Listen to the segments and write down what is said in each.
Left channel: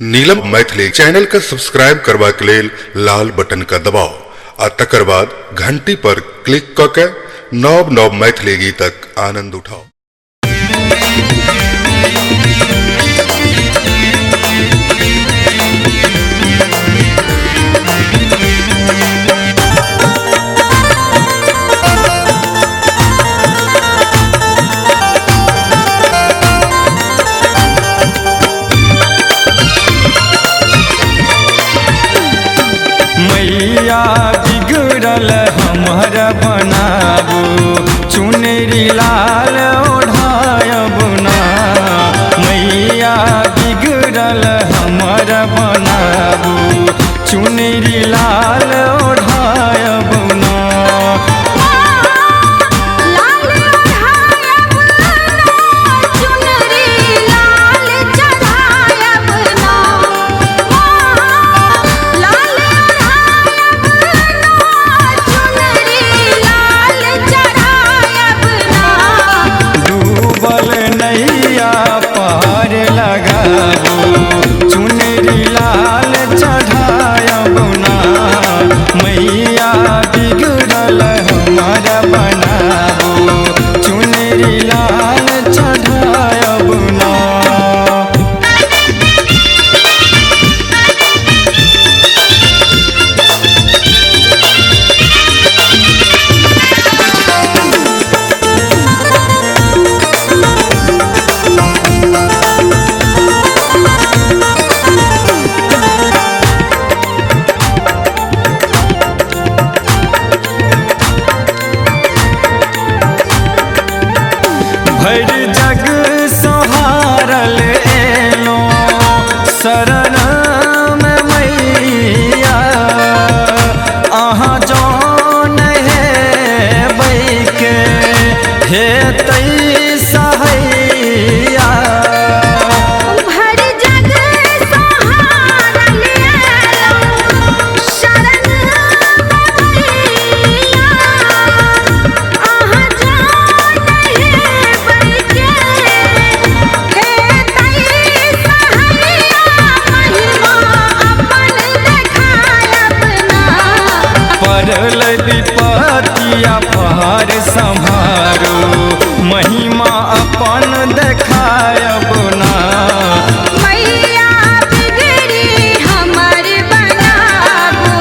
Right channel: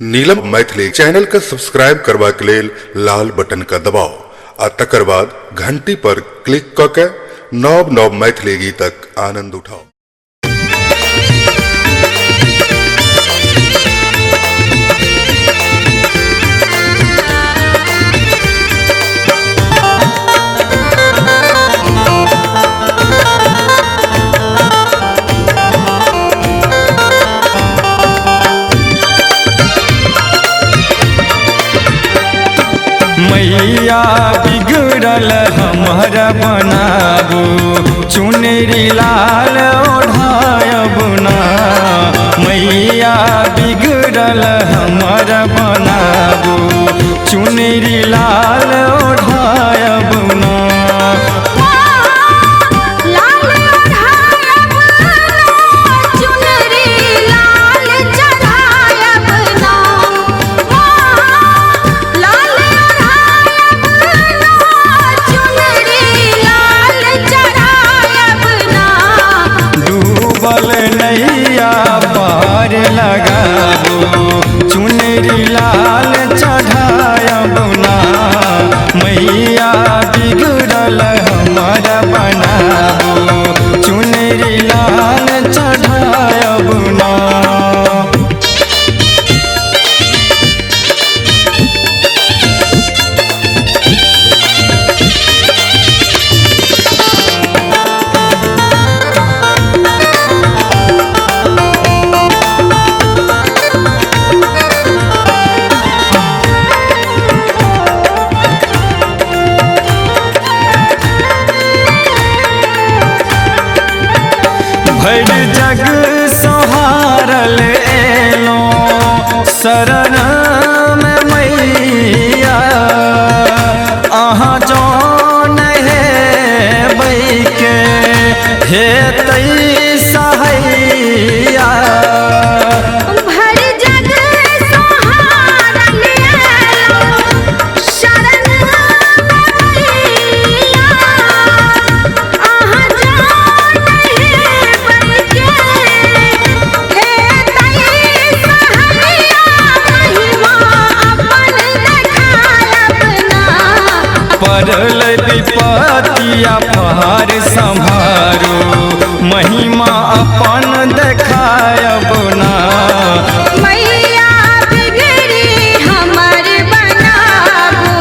नीलम Maithili channel का subscribe करबा के लेल लाल बटन का दबाव आ तकर बाद घंटी पर क्लिक क के नव नव मैथिली गीतक आनंद उठाओ। मैया बिगड़ल हमर बनाबू चुनरी लाल ओढ़ायब ना। मैया बिगड़ल हमर बनाबू चुनरी लाल ओढ़ायब ना। नैया पार लगाबू चुनरी लाल चढ़ायब ना। मैया बिगड़ल हमर बनाबू चुनरी लाल चढ़ायब ना। भर जग सोहारल एलो शरण में मैया। अहाँ जौन है बैके हे तई सहैया। पड़ल विपतिया पार संभारो महिमा अपन देखायब ना। मैया बिगड़ी हमर बनाबू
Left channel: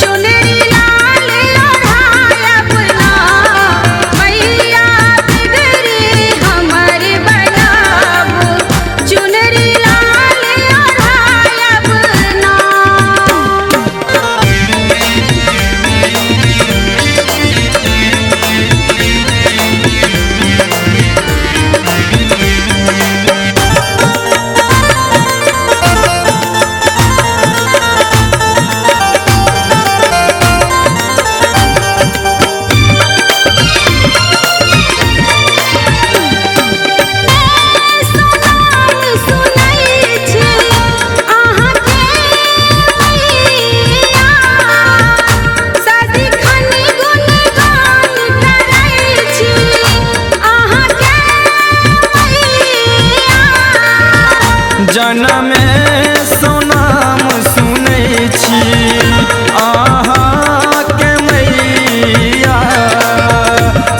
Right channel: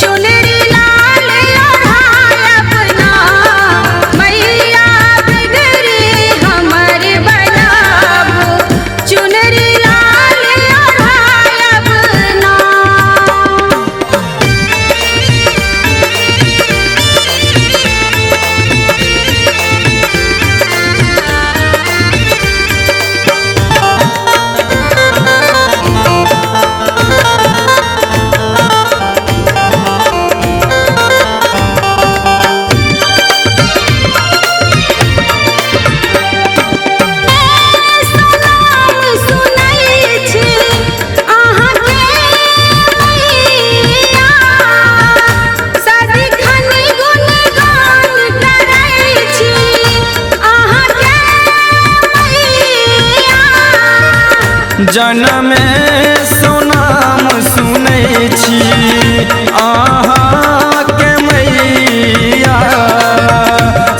चुनरी लाल ओढ़ायब ना। मैया बिगड़ी हमर बनाबू चुनरी लाल ओढ़ायब ना। जनम सोनाम सुनै छी अहाँ के मैया।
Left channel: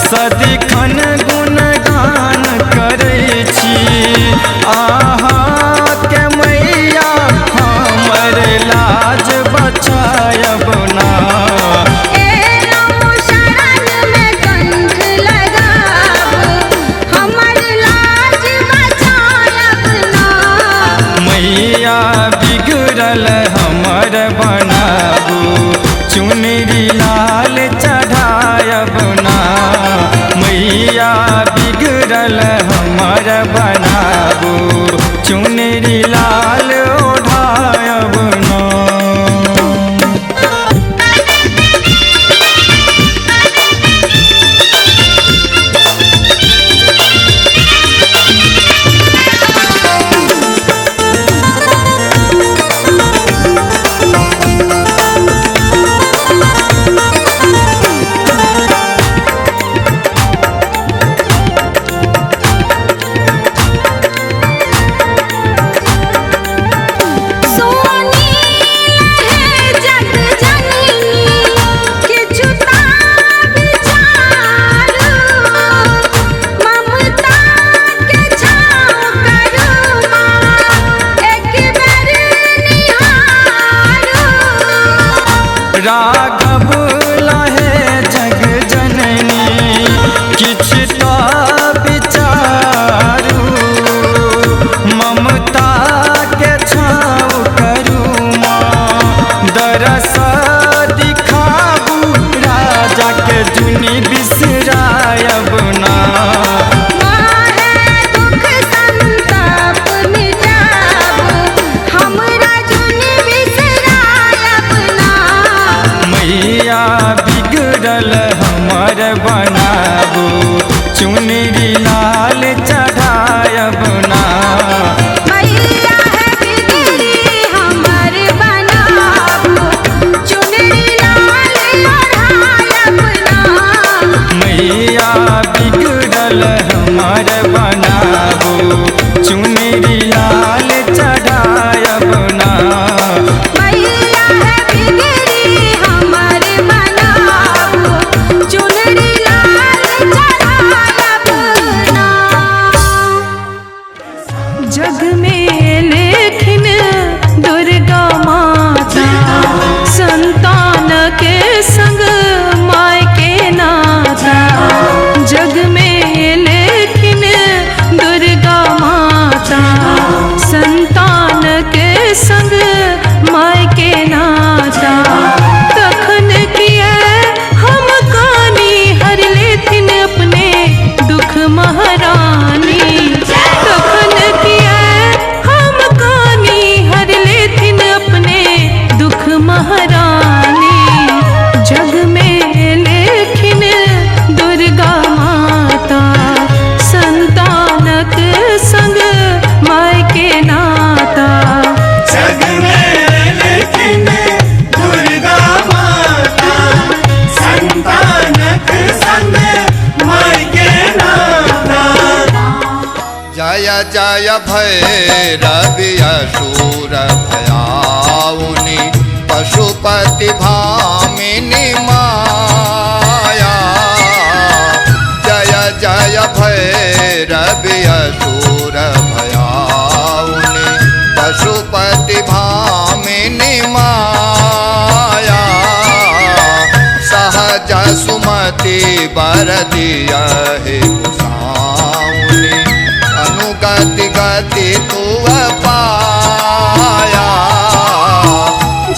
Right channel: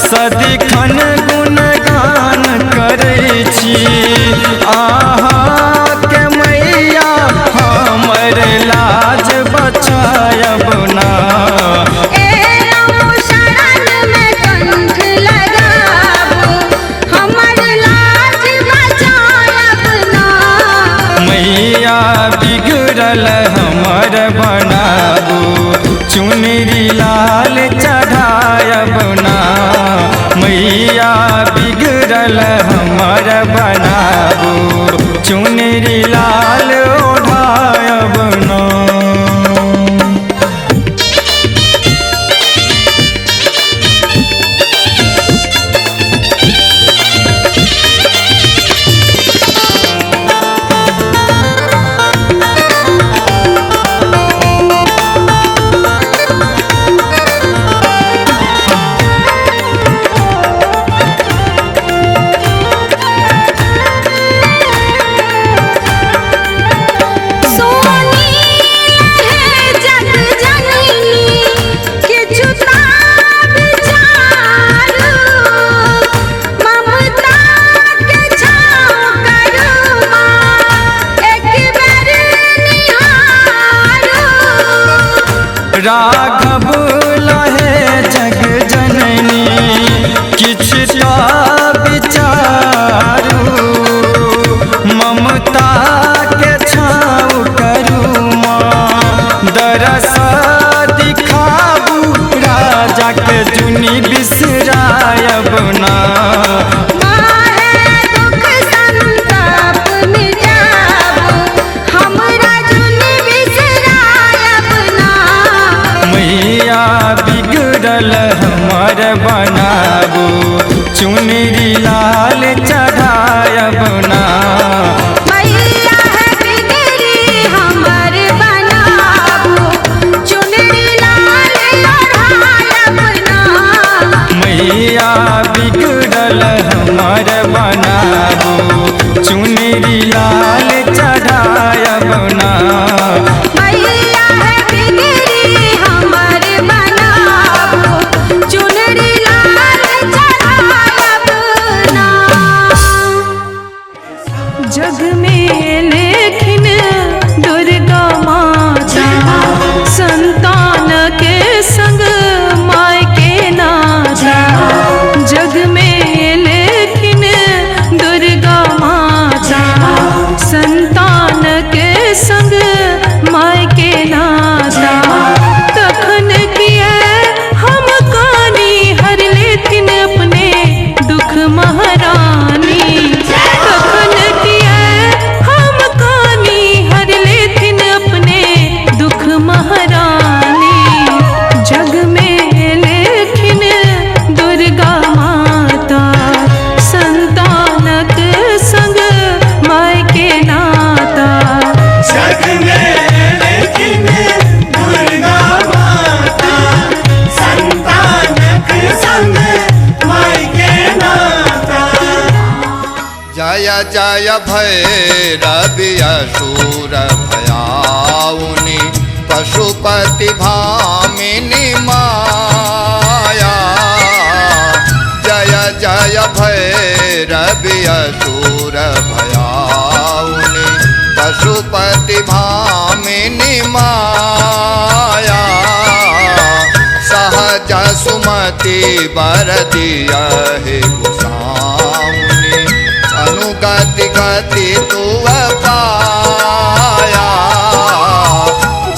सदिखन गुणगान करै छी अहाँ के मैया। हमर लाज बचायब ना। मैया बिगड़ल हमर बनाबू चुनरी लाल चढ़ायब ना। मैया बिगड़ल हमर बनाबू चुनरी लाल ओढ़ायब ना। राघव लहे जग जननी किछ तो विचारू ममता के छाँव करू माँ दरस दिखाबू राजा के जुनी बिसरायब ना मैया बिगड़ल हमर बनाबू चुनरी लाल चढ़ायब ना मैया बिगड़ी हमर बनाबू चुनरी लाल चढ़ायब ना मैया बिगड़ल हमर बनाबू चुनरी लाल चढ़ायब ना जग में लेकिन दुर्गा माता संतान के संग माय के नाता जग में लेकिन दुर्गा माता संतान के संग माय के नाता तखन किए हम कानी हर लेथिन अपने दुख महारानी तखन किए हम कानी हर लेथिन अपने दुख महारानी जग में लेकिन दुर्गा माता संतानक संग माय के नाता जग में लेकिन दुर्गा माता संतानक संग माय के नाता जय जय भैरवि असुर भयाउनि पशुपति भामिनी माया जय जय भैरवि असुर भयाउनि पशुपति भामिनी माया सहज सुमति बर दिया हे गोसाउनि अनुगति गति तू पाया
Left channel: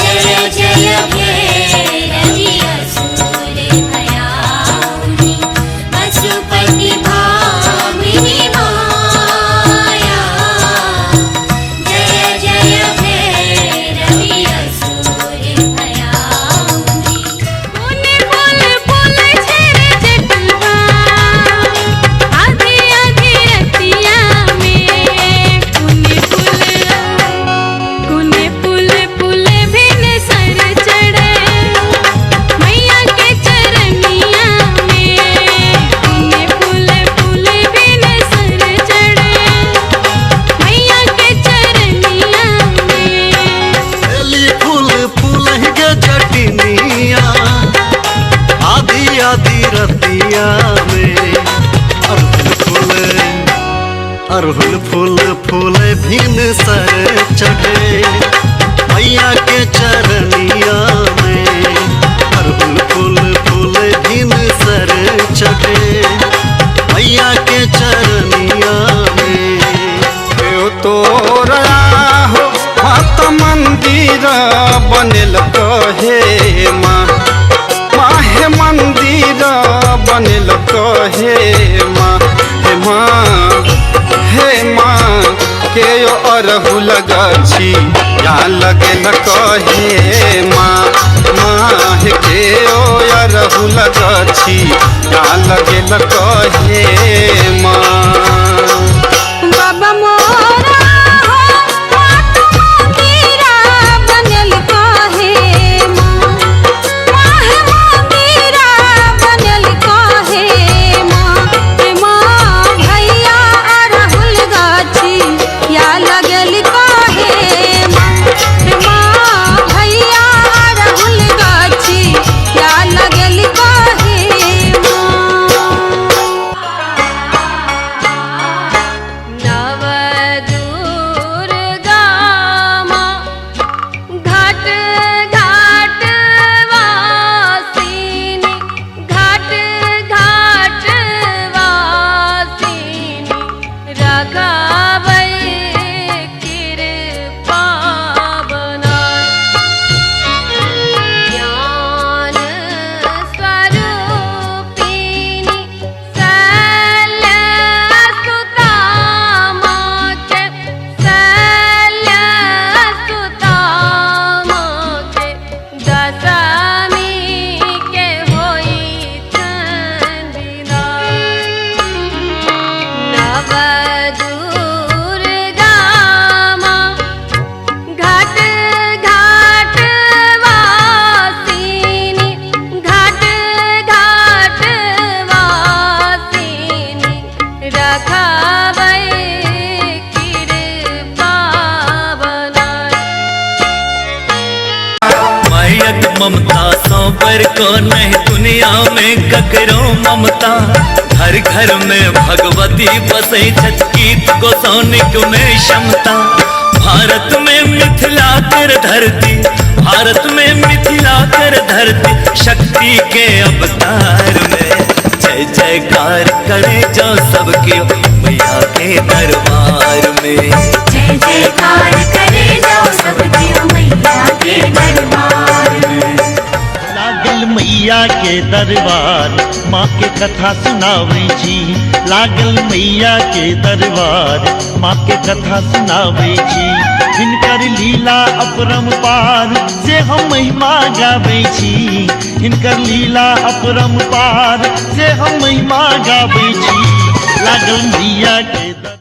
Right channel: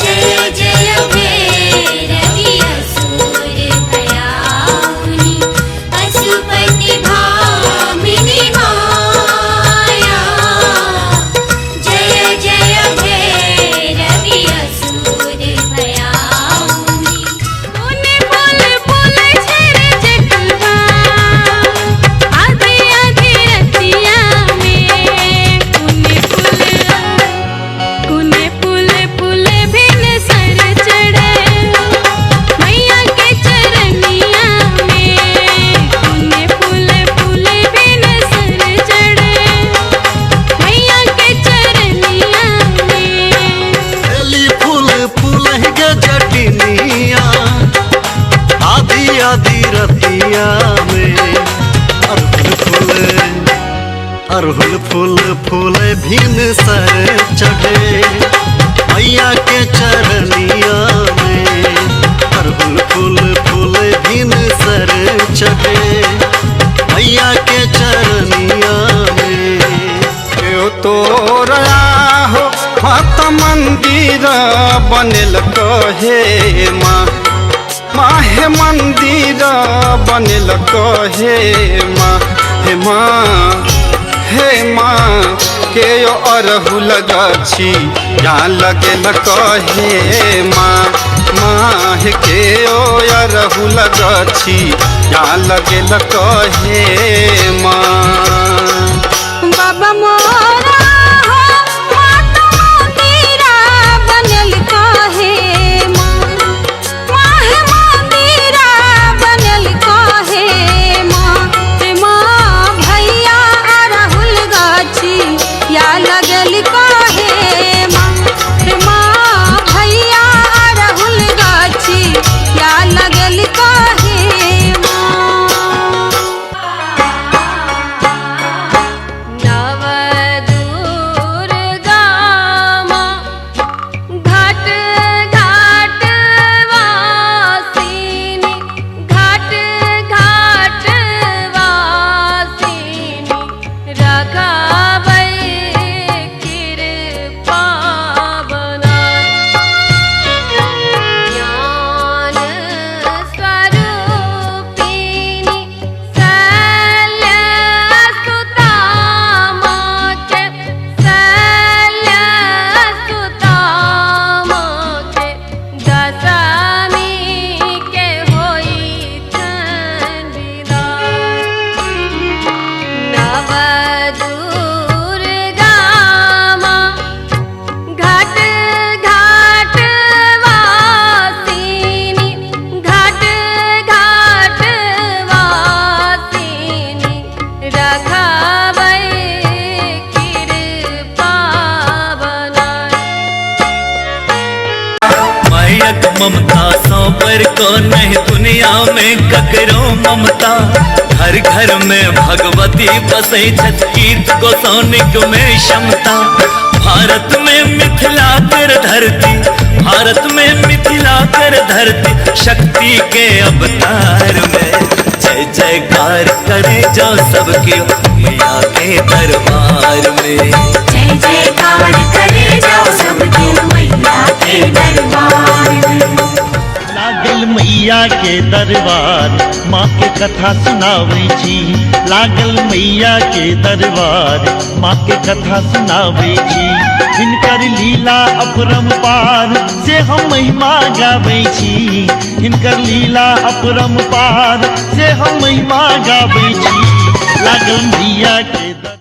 जय जय भैरवि असुर भयाउनि पशुपति भामिनी माया जय जय भैरवि असुर भयाउनि पुने फूल फूल छेरे जटवा आधी आधी रतिया में पुने फूल फूल भिन सर चढ़े मैया के चरनिया में पुने फूल भिन सर चढ़े मैया के चरनिया में एली फूल फूल के जटनिया आधी आधी रतिया में अरहुल फूल फूल भिन सर चढ़े मैया के चरनिया में अरहुल फूल फूल भिन सर चढ़े मैया के चरनिया में यो तोरा हो मत मंदिर बनल कहे माँ माहे मंदिर बनल कहे माँ हे माँ के यो अरहुल गछि या लगेल कहे माँ हे के यो अरहुल गछि या लगेल कहे माँ बाबा मोरा हो मात मंदिरा बनल काहे माँ माहे मंदिरा बनल काहे माँ भैया अरहुल गाछी या लगल काहे माँ भैया अरहुल गाछी या लगल काहे माँ ममता सौ पर को नहीं दुनिया में ककरो ममता। घर घर में भगवती बसै छठ गीत गोसाउनिक में क्षमता। भारत में मिथिला कर धरती, भारत में मिथिला कर धरती, शक्ति के अवतार में जय जयकार करे जो सबके मैया के दरबार में। जय जयकार करे जाओ सबके मैया के दरबार में। लागल मैया के दरबार माँ के कथा सुनावे छी। लागल मैया के दरबार माँ के कथा सुनावे छी। हिनकर लीला अपरंपार से हम महिमा गावे छी। हिनकर लीला अपरंपार से हम महिमा गावे छी। लागल मैया के